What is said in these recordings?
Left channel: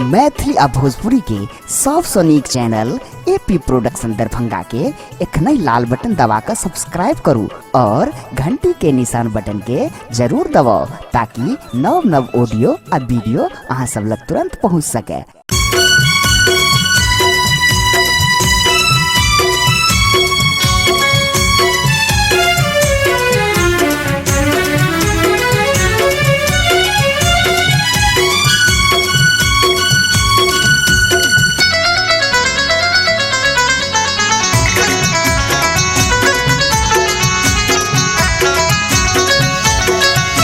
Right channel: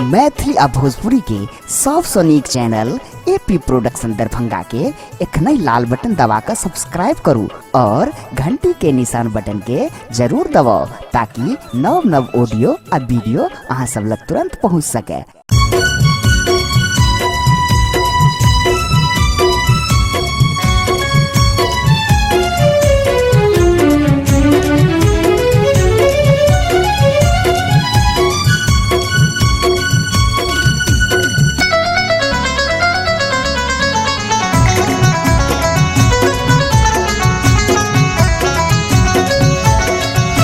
मैथिली आ भोजपुरी के सबसे नीक चैनल एपी प्रोडक्शन दरभंगा के एखनई लाल बटन दबाकर सब्सक्राइब करू और घंटी के निशान बटन के जरूर दबाओ ताकि नव नव ऑडियो आ वीडियो अहाँ सब लग तुरंत पहुँच सके।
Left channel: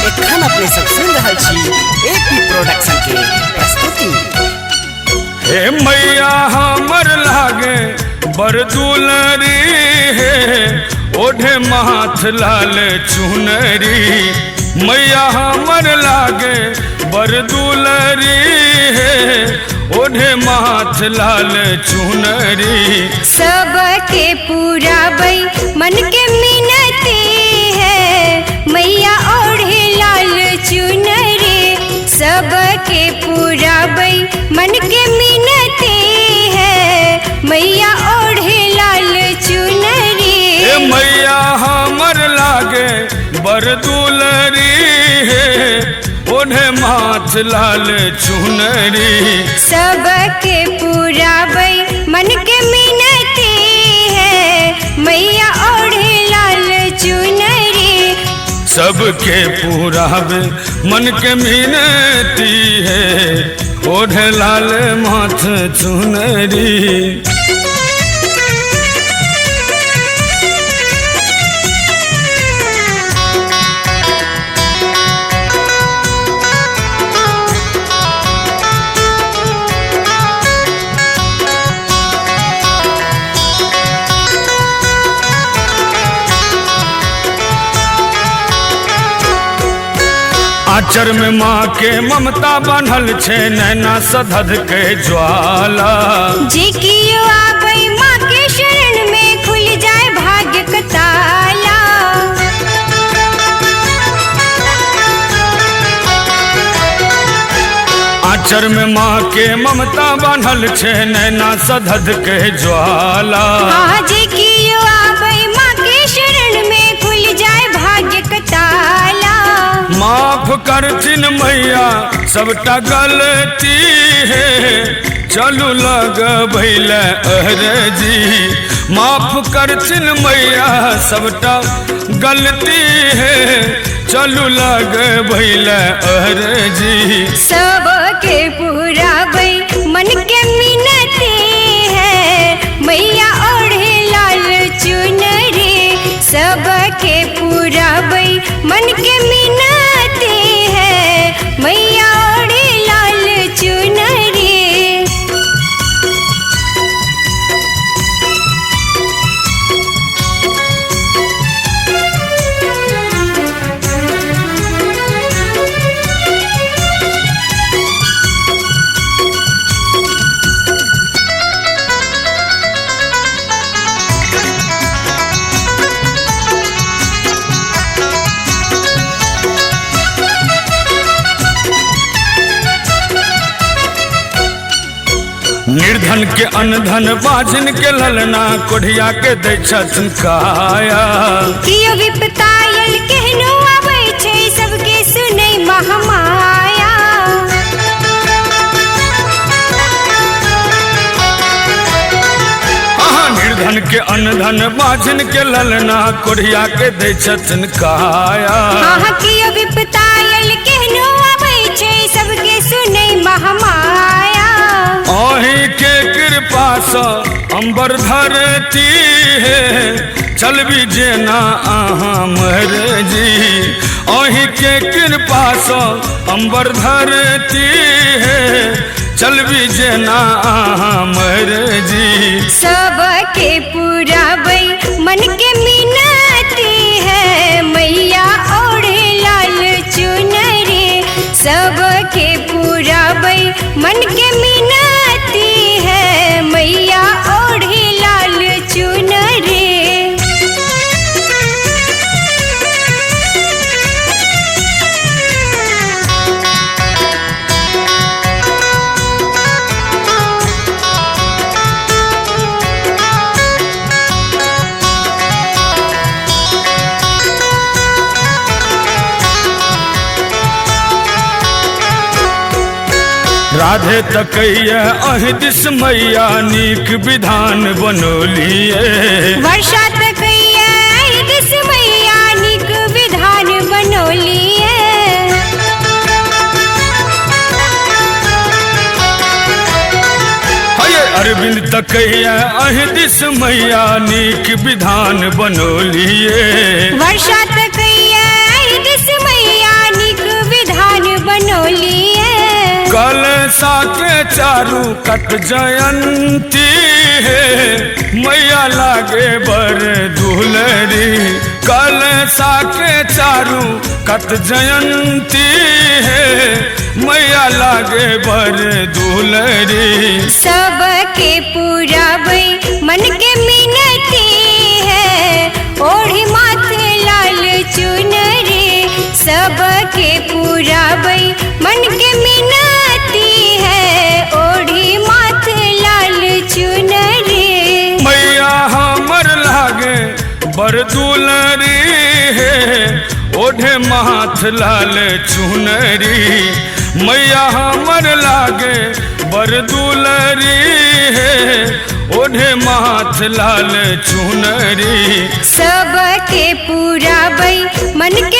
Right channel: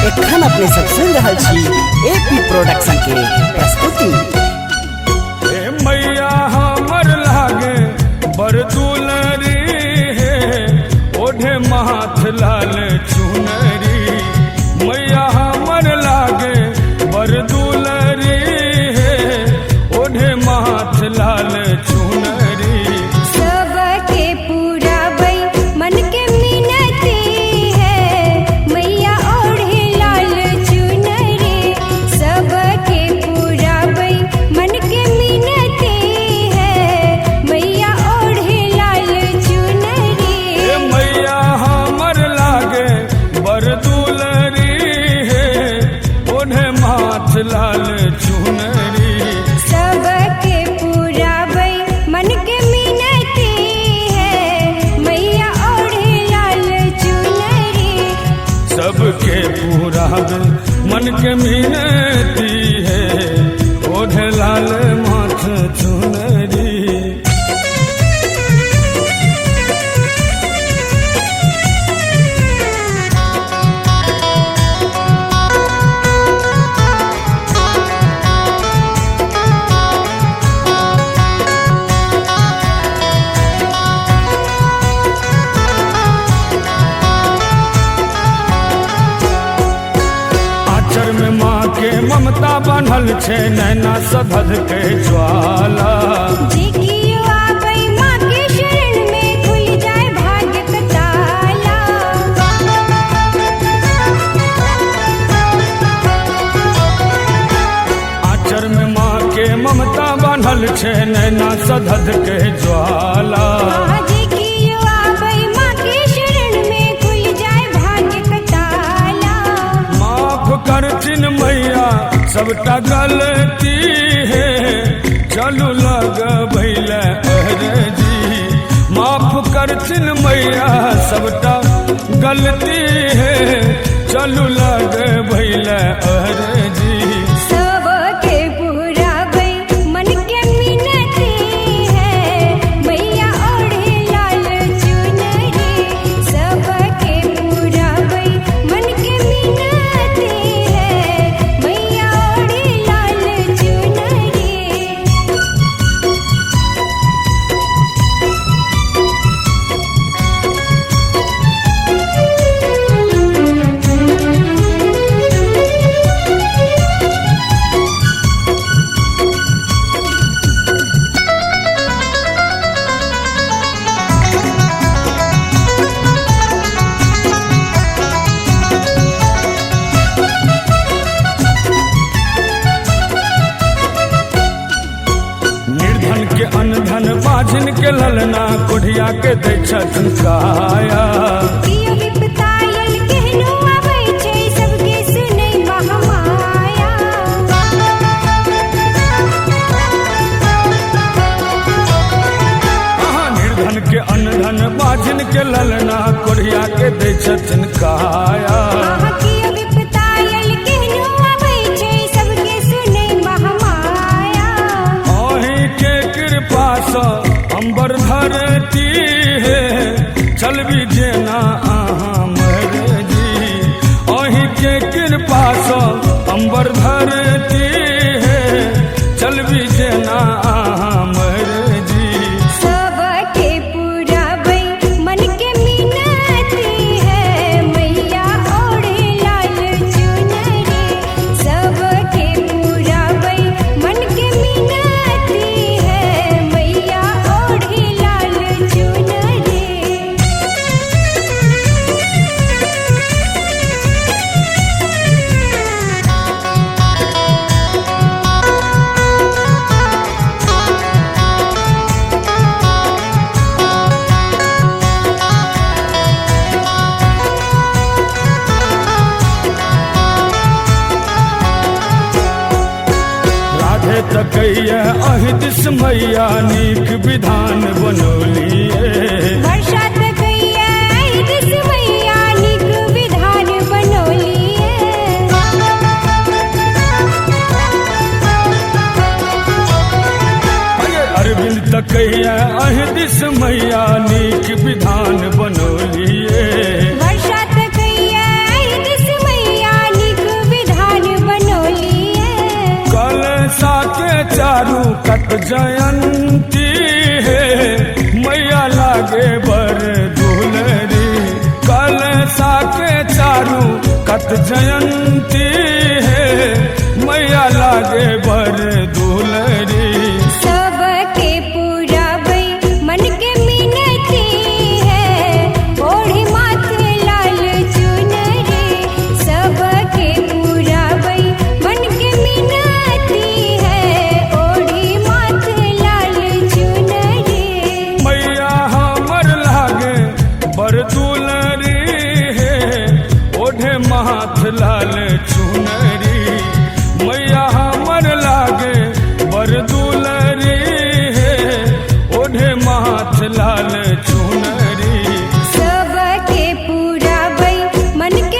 एखन अपने सब सुन रहल छी एपी प्रोडक्शन के प्रस्तुति। हे मैया हमर लागे बरदुलरी हे ओढ़े माथ लाल चुनरी। मैया हमर लागे बरदुलरी हे ओढ़े माथ लाल चुनरी। सबके पूरा बई मन के मिनती है मैया ओढ़े लाल चुनरी। सबके पूरा बई मन के मिनती है मैया ओढ़े लाल चुनरी। हे मैया हमर लागे बरदुलरी हे ओढ़े माथ लाल चुनरी। सबके पूरा बई मन के मिनती है मैया ओढ़े लाल चुनरी। सबके पूरा मन के मिनती है ओढ़े लाल माथ चुनरी। आचर में माँ के ममता बनल छे नैना सधध के ज्वाला। जे कियो आबै माँ के शरण में खुल जाए भाग्य का ताला। आचर में माँ के ममता बनल छे नैना सधध के ज्वाला। जे कियो आबै माँ के शरण में खुल जाए भाग्य का ताला। माफ करथिन मैया सबटा गलती है चलू लग भैल अहरजी। माफ करथिन मैया सबटा गलती है चलू लग भैल अहरजी। सबके पूरा बई मन के मिनती है मैया ओढ़े लाल चुनरी। सबके पूरा बई मन के मिनती है मैया ओढ़े लाल चुनरी। निर्धन के अनधन बाझिन के ललना कोढ़िया के दै छथिन काया। कियो विपतायल केहनो आबै छै सबके सुनै महामाया। निर्धन के अनधन बाझिन के ललना कोढ़िया के दै छथिन काया। कियो विपतायल केहनो आबै छै सबके सुनै महामाया। अहीं के कृपा सँ अम्बर धरती है चलबी जेना अहाँ मरजी। अहीं के कृपा सँ अम्बर धरती है चलबी जेना अहाँ मरजी। सबके पूरा बई मन के मिनती है मैया ओढ़े लाल चुनरी। सबके पूरा बई मन के मिनती है मैया ओढ़े लाल चुनरी। राधे तकैया अहि दिस मैया नीक विधान बनौलिए वर्षा तकैया अहि दिस मैया नीक विधान बनौलिए अरविंद तकैया अहि दिस मैया नीक विधान बनौलिए वर्षा तकैया अहि दिस मैया नीक विधान बनौलिए कलशा के चारू कट जयंती है मैया लागे बर दुलरी कलशा के चारू कट जयंती है मैया लागे बर दुलरी सबके पुराबै मन के मिनती है ओढ़ी माथे लाल चुनरी सबके पुराबै मन के मिनती है ओढ़ी माथे लाल चुनरी मैया हमर लागे बर दुलरी है ओढ़े माथ लाल चुनरी मैया हमर लागे बर दुलरी है ओढ़े माथ लाल चुनरी सबके पुराबै मन के